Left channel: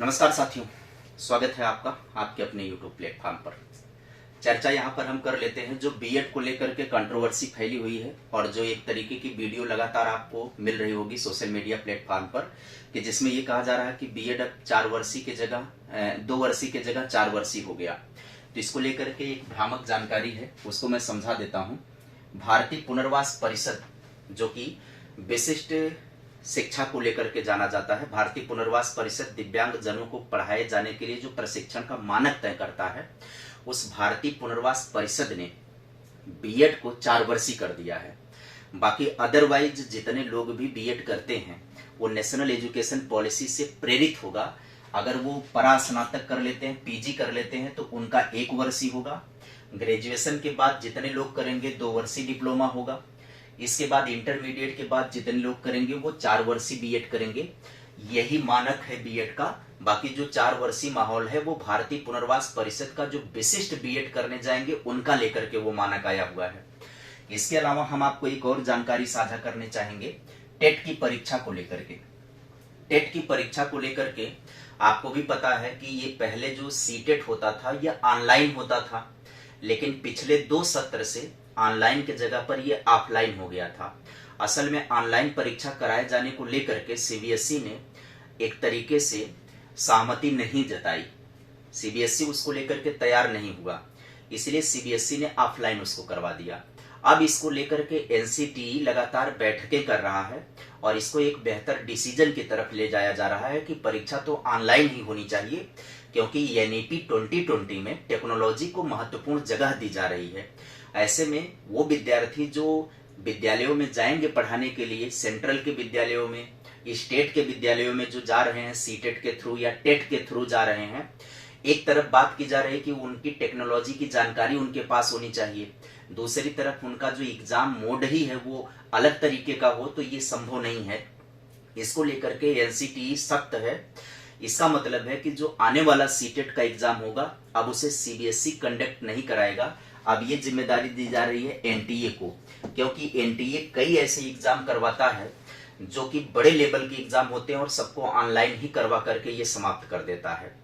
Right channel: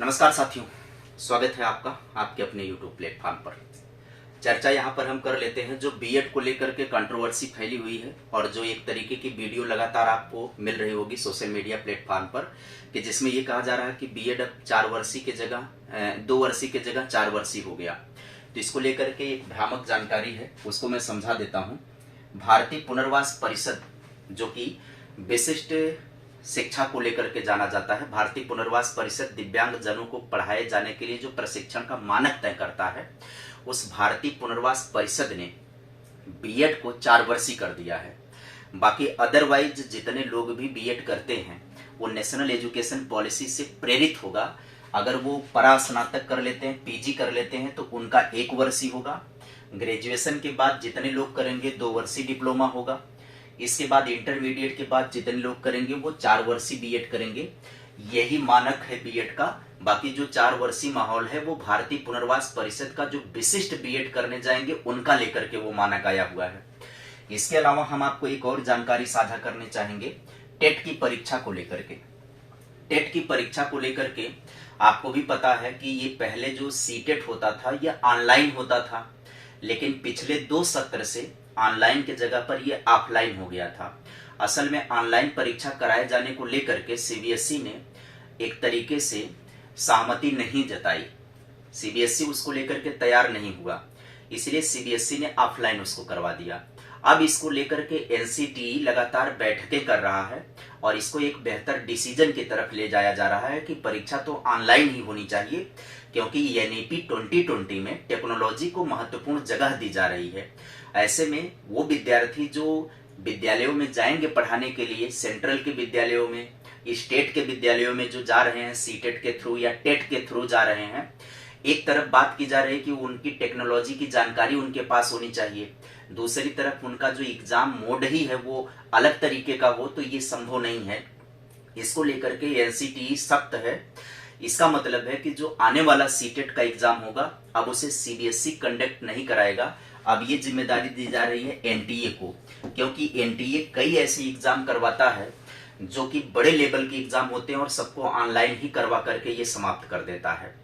नमस्कार साथियों, स्वागत है आपका आपके अपने YouTube प्लेटफॉर्म पर। चर्चा यहाँ पर हम कर लेते हैं जो बीएड को लेकर के कंट्रोवर्सी फैली हुई है और जो एक तरीके की वीडियो लगातार आपको मिल रही होगी सोशल मीडिया प्लेटफॉर्म पर कि जिसमें ये कहा जा रहा है कि बीएड अब 4 वर्षीय की जगह 2 वर्षीय की जगह 4 वर्षीय हो गया। तो इसको लेकर के एक भ्रामक जानकारी है, उसको मैं समझा देता हूँ। भारतीय पुनर्वास परिषद जो कि विशिष्ट शिक्षा को लेकर के जाना जाता है, भारतीय पुनर्वास परिषद दिव्यांग जनों को पढ़ाए जाने के लिए जो प्रशिक्षण का मानक तय करता है, उस भारतीय पुनर्वास परिषद ने बीएड को 4 वर्षीय कर दिया है। बाकी अदरवाइज जितने लोग भी बीएड करते हैं वो नेशनल एजुकेशन पॉलिसी से प्रेरित होगा। अगर वो परास्नातक कर लेते हैं, पीजी कर लेते हैं तो उनका 1 वर्षीय होगा। ग्रेजुएशन के बाद जितने लोग करेंगे 2 वर्षीय डिप्लोमा होगा। इसके बाद इंटरमीडिएट के बाद जितने लोग करेंगे वो 4 वर्षीय बीएड करेंगे। यही मानक है बीएड का। बाकी जो 4 वर्षीय माहौल है वो भारतीय पुनर्वास परिषद का जो विशिष्ट बीएड करने जाएंगे उनका लेकर के वो मानक आया हुआ है। इसके अलावा हम आपको एक और जानकारी साझा करने चाहेंगे टेट की परीक्षा को लेकर के। टेट की परीक्षा को लेकर के आपको भी पता है कि ये पहले जो सीटेट होता था यह ऑनलाइन होता था, लेकिन पिछले 2 सत्र से ऑनलाइन के जगह पर यह ऑफलाइन हो गया था। असल में ऑनलाइन परीक्षा कराए जाने को लेकर के सीबीएसई ने एक तरीके से सहमति नहीं जताई। सीबीएसई उसको लेकर के तैयार नहीं हुआ, इसलिए सीबीएसई ने ऑफलाइन उसको करवा दिया। अब इसको लेकर के एनसीटीई लगातार बैठकें कर रहा है और इसको एक बेहतर डिसीजन की तरफ ले जाया जा रहा है कि परीक्षा तो ऑनलाइन ही होनी चाहिए, क्योंकि एनईपी 2020 में टेक्नोलॉजी को महत्वपूर्ण जगह दी जा रही है। ऐसे में वो विद्यार्थी जो विद्यालयों में जाएंगे पढ़ाने के लिए, सेंट्रल के विद्यालयों में, स्टेट के विद्यालयों में जो जा रहे हैं सीटेट के थ्रू या टेट के थ्रू जा रहे हैं, एक तरफ बात की जा रही है कि उनकी टेक्नोलॉजी की जानकारी उनके पास होनी चाहिए, दूसरी तरफ उनका जो एग्जाम मोड ही है वो अलग तरीके का हो, तो ये संभव नहीं है। इसको लेकर के एनसीटीई सख्त है। इसका मतलब है कि जो आने वाला सीटेट का एग्जाम होगा अब उसे सीबीएसई कंडक्ट नहीं कराएगा। अब ये जिम्मेदारी दी जा रही है एनटीए को, क्योंकि एनटीए कई ऐसे एग्जाम करवाता है जो कि बड़े लेवल के एग्जाम होते हैं और सबको ऑनलाइन ही करवा करके ये समाप्त कर देता है।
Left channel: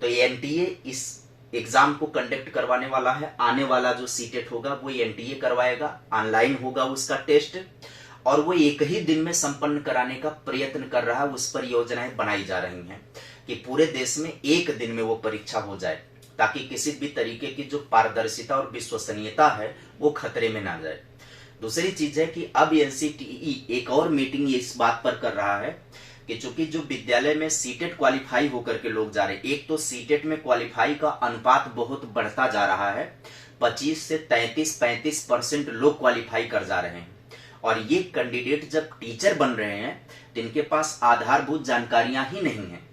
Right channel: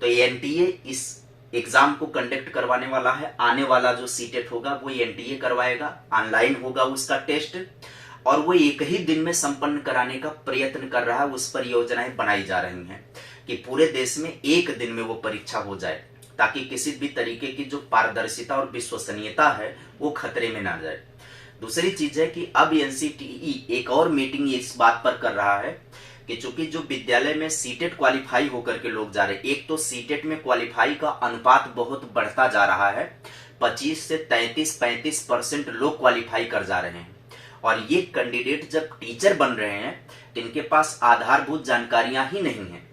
तो एनटीए इस एग्जाम को कंडक्ट करवाने वाला है। आने वाला जो सीटेट होगा वो एनटीए करवाएगा, ऑनलाइन होगा उसका टेस्ट, और वो एक ही दिन में संपन्न कराने का प्रयत्न कर रहा है। उस पर योजनाएं बनाई जा रही हैं कि पूरे देश में एक दिन में वो परीक्षा हो जाए, ताकि किसी भी तरीके की जो पारदर्शिता और विश्वसनीयता है वो खतरे में ना जाए। दूसरी चीज है कि अब एनसीटीई एक और मीटिंग इस बात पर कर रहा है कि चूंकि जो विद्यालय में सीटेट क्वालिफाई होकर के लोग जा रहे हैं, एक तो सीटेट में क्वालिफाई का अनुपात बहुत बढ़ता जा रहा है, 25 से 33-35% लोग क्वालिफाई कर जा रहे हैं, और ये कैंडिडेट जब टीचर बन रहे हैं तो इनके पास आधारभूत जानकारियां ही नहीं है।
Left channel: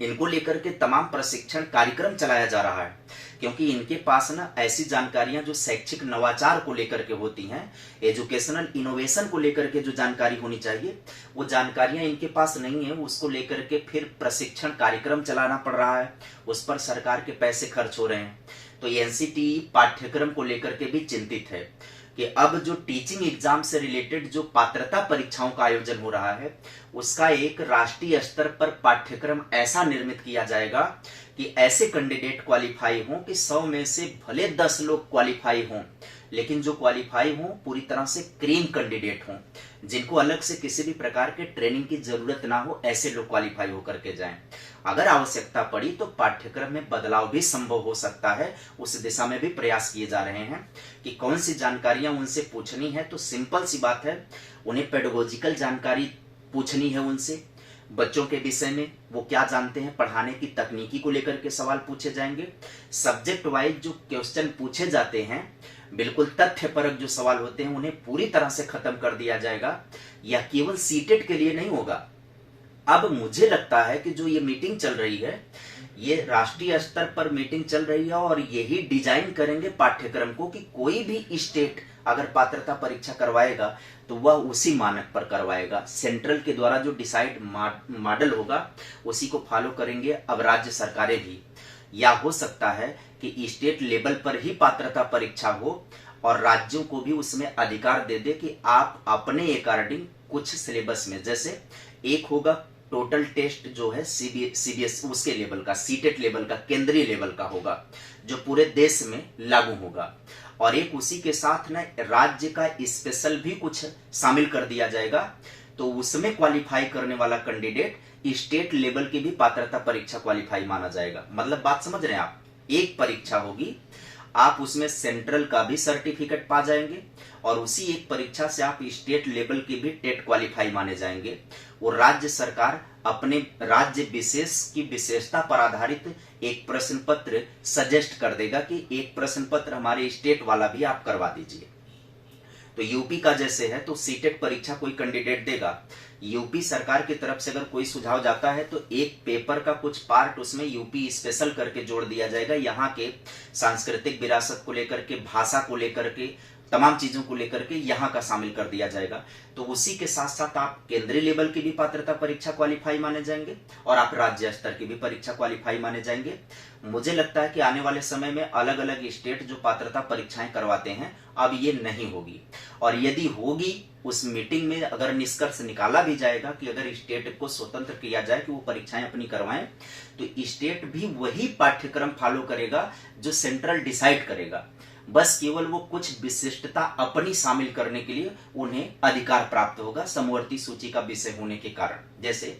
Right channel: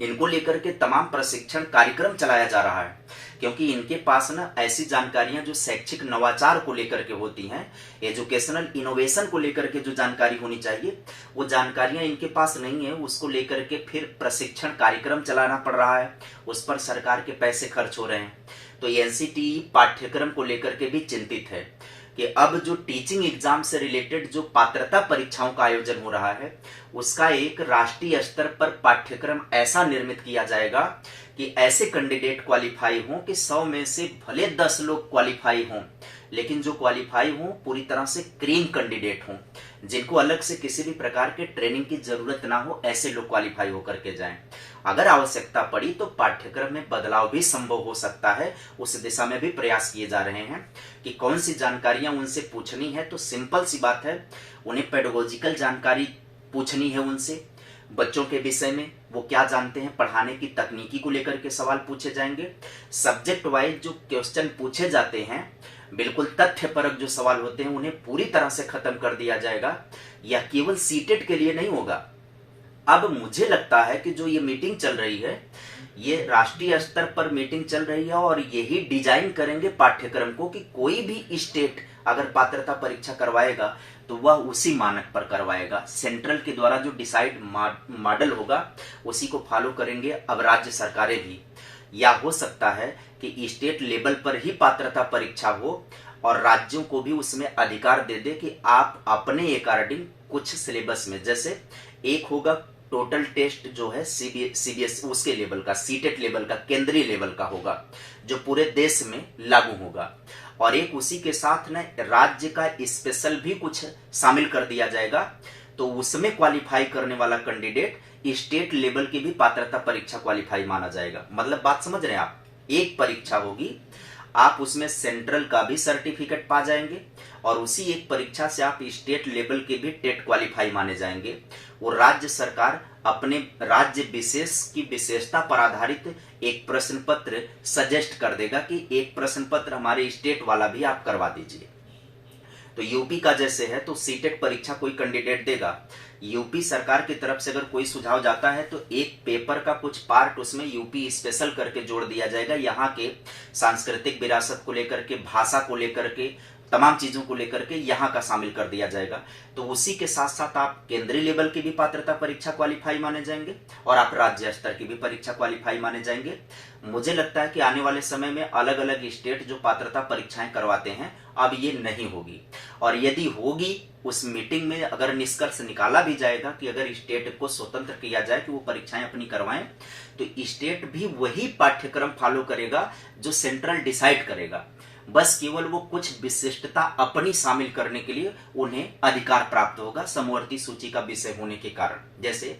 इनको लेकर के तमाम प्रशिक्षण कार्यक्रम चलाया जा रहा है, क्योंकि इनके पास ना ऐसी जानकारियां जो शैक्षिक नवाचार को लेकर के होती हैं, एजुकेशनल इनोवेशन को लेकर के जो जानकारी होनी चाहिए वो जानकारियां इनके पास नहीं है। उसको लेकर के फिर प्रशिक्षण कार्यक्रम चलाना पड़ रहा है, उस पर सरकार के पैसे खर्च हो रहे हैं। तो एनसीटीई पाठ्यक्रम को लेकर के भी चिंतित है कि अब जो टीचिंग एग्जाम से रिलेटेड जो पात्रता परीक्षाओं का आयोजन हो रहा है उसका एक राष्ट्रीय स्तर पर पाठ्यक्रम ऐसा निर्मित किया जाएगा कि ऐसे कैंडिडेट क्वालिफाई हों कि 100 में से भले 10 लोग क्वालिफाई हों, लेकिन जो क्वालिफाई हों पूरी तरह से क्रीम कैंडिडेट हों, जिनको अलग से किसी भी प्रकार के ट्रेनिंग की जरूरत ना हो, ऐसे लोग क्वालिफाई होकर के जाएं। अगर आवश्यकता पड़ी तो पाठ्यक्रम में बदलाव भी संभव हो सकता है। उस दिशा में भी प्रयास किए जा रहे हैं कि कौन सी जानकारियां उनसे पूछनी है। तो सिंपल सी बात है, उन्हें पेडागोजिकल जानकारी पूछनी है उनसे, बच्चों के विषय में वो क्या जानते हैं, पढ़ाने की तकनीकी को लेकर के सवाल पूछे जाएंगे। सब्जेक्ट वाइज जो क्वेश्चन पूछे जाते हैं, बिल्कुल तथ्यपरक जो सवाल होते हैं, उन्हें पूरी तरह से खत्म कर दिया जाएगा। यह केवल सीटेट के लिए नहीं होगा। अब मुझे लगता है कि जो ये मीटिंग चल रही है ये राष्ट्रीय स्तर पर मीटिंग चल रही है और यही डिजाइन करेंगे पाठ्यक्रम को कि कोई भी स्टेट अगर पात्रता परीक्षा करवाएगा तो वह उसी मानक पर करवाएगा। सेंट्रल के द्वारा जो डिसाइड मॉडल होगा उसी को फॉलो करेंगे अब राज्य सरकारें भी। या हो सकता है कि स्टेट लेवल पर ही पात्रता परीक्षा हो और राज्यों को भी उसमें अधिकार दे दे कि आप अपने अकॉर्डिंग कुछ सिलेबस में, जैसे एक होगा टोटल टेस्ट जो है सीबीएस उसके लेवल का, सीटेट लेवल का, केंद्रीय लेवल का होगा, जो पूरे देश में लागू होगा। और एक उसी के साथ ना राज्य का स्पेशल भी कुछ शामिल कर दिया जाएगा। तो उसमें क्वालिफाई करने वाला कैंडिडेट स्टेट लेवल की भी पात्रता परीक्षा क्वालिफाई माना जाएगा। मतलब बात समझ रहे हैं आप, एक परीक्षा होगी, आप उसमें सेंट्रल का भी सर्टिफिकेट पा जाएंगे और उसी एक परीक्षा से आप स्टेट लेवल के भी टेट क्वालिफाई माने जाएंगे। वो राज्य सरकार अपने राज्य विशेष की विशेषता पर आधारित एक प्रश्न पत्र सजेस्ट कर देगा कि एक प्रश्न पत्र हमारे स्टेट वाला भी आप करवा दीजिए। तो यूपी का जैसे है तो सीटेट परीक्षा कोई कैंडिडेट देगा, यूपी सरकार की तरफ से अगर कोई सुझाव जाता है तो एक पेपर का कुछ पार्ट उसमें यूपी स्पेशल करके जोड़ दिया जाएगा। यहाँ के सांस्कृतिक विरासत को लेकर के, भाषा को लेकर के, तमाम चीजों को लेकर के यहाँ का शामिल कर दिया जाएगा। तो उसी के साथ साथ आप केंद्रीय लेवल की भी पात्रता परीक्षा क्वालिफाई माने जाएंगे और आप राज्य स्तर की भी परीक्षा क्वालिफाई माने जाएंगे। मुझे लगता है कि आने वाले समय में अलग अलग स्टेट जो पात्रता परीक्षाएं करवाते हैं अब ये नहीं होगी, और यदि होगी उस मीटिंग में अगर निष्कर्ष निकाला भी जाएगा कि अगर स्टेट को स्वतंत्र किया जाए कि वो परीक्षाएं अपनी करवाएं, तो स्टेट भी वही पाठ्यक्रम फॉलो करेगा जो सेंट्रल डिसाइड करेगा। बस केवल वो कुछ विशिष्टता अपनी शामिल करने के लिए उन्हें अधिकार प्राप्त होगा समवर्ती सूची का विषय होने के कारण। जैसे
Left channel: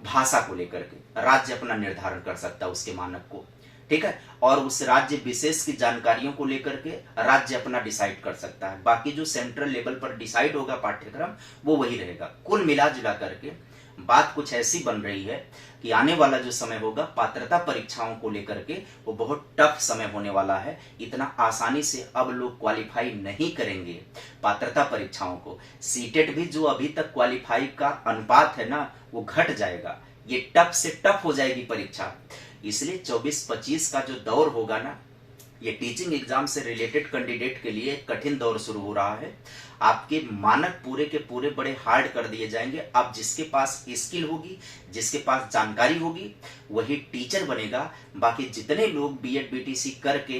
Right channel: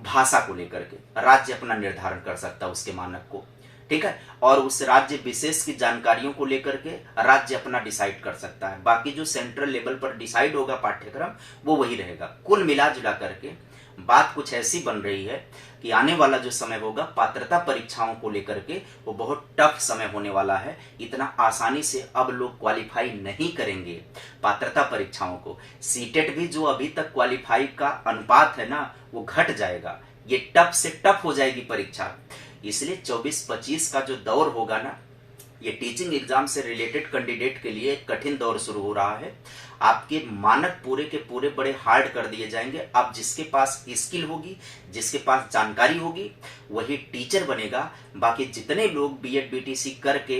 भाषा को लेकर के राज्य अपना निर्धारण कर सकता है उसके मानक को, ठीक है, और उस राज्य विशेष की जानकारियों को लेकर के राज्य अपना डिसाइड कर सकता है। बाकी जो सेंट्रल लेवल पर डिसाइड होगा पाठ्यक्रम वो वही रहेगा। कुल मिला जुला करके बात कुछ ऐसी बन रही है कि आने वाला जो समय होगा पात्रता परीक्षाओं को लेकर के वो बहुत टफ समय होने वाला है। इतना आसानी से अब लोग क्वालिफाई नहीं करेंगे पात्रता परीक्षाओं को। सीटेट भी जो अभी तक क्वालिफाई का अनुपात है ना वो घट जाएगा, ये टफ से टफ हो जाएगी परीक्षा। इसलिए 24-25 का जो दौर होगा ना, ये टीचिंग एग्जाम से रिलेटेड कैंडिडेट के लिए एक कठिन दौर शुरू हो रहा है। आपके मानक पूरे के पूरे बड़े हार्ड कर दिए जाएंगे। अब जिसके पास स्किल होगी, जिसके पास जानकारी होगी, वही टीचर बनेगा। बाकी जितने लोग बीएड बीटीसी करके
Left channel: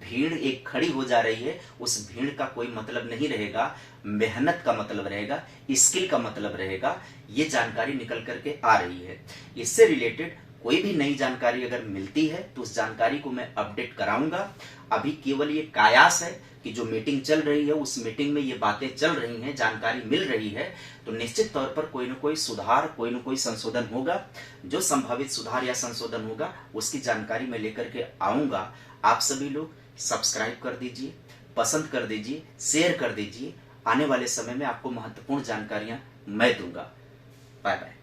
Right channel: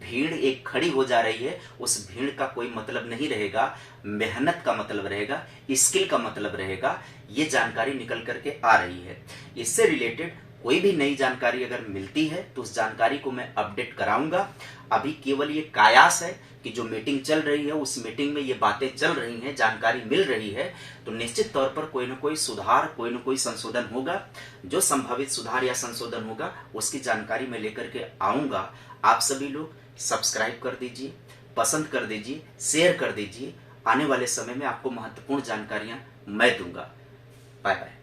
भीड़ एक खड़ी हो जा रही है, उस भीड़ का कोई मतलब नहीं रहेगा। मेहनत का मतलब रहेगा, स्किल का मतलब रहेगा। ये जानकारी निकल करके आ रही है। इससे रिलेटेड कोई भी नई जानकारी अगर मिलती है तो उस जानकारी को मैं अपडेट कराऊंगा। अभी केवल ये कयास है कि जो मीटिंग चल रही है उस मीटिंग में ये बातें चल रही हैं, जानकारी मिल रही है, तो निश्चित तौर पर कोई न कोई सुधार, कोई न कोई संशोधन होगा। जो संभावित सुधार या संशोधन होगा उसकी जानकारी मैं लेकर के आऊंगा। आप सभी लोग सब्सक्राइब कर दीजिए, पसंद कर दीजिए, शेयर कर दीजिए। आने वाले समय में आपको महत्वपूर्ण जानकारियां मैं दूंगा। Bye bye.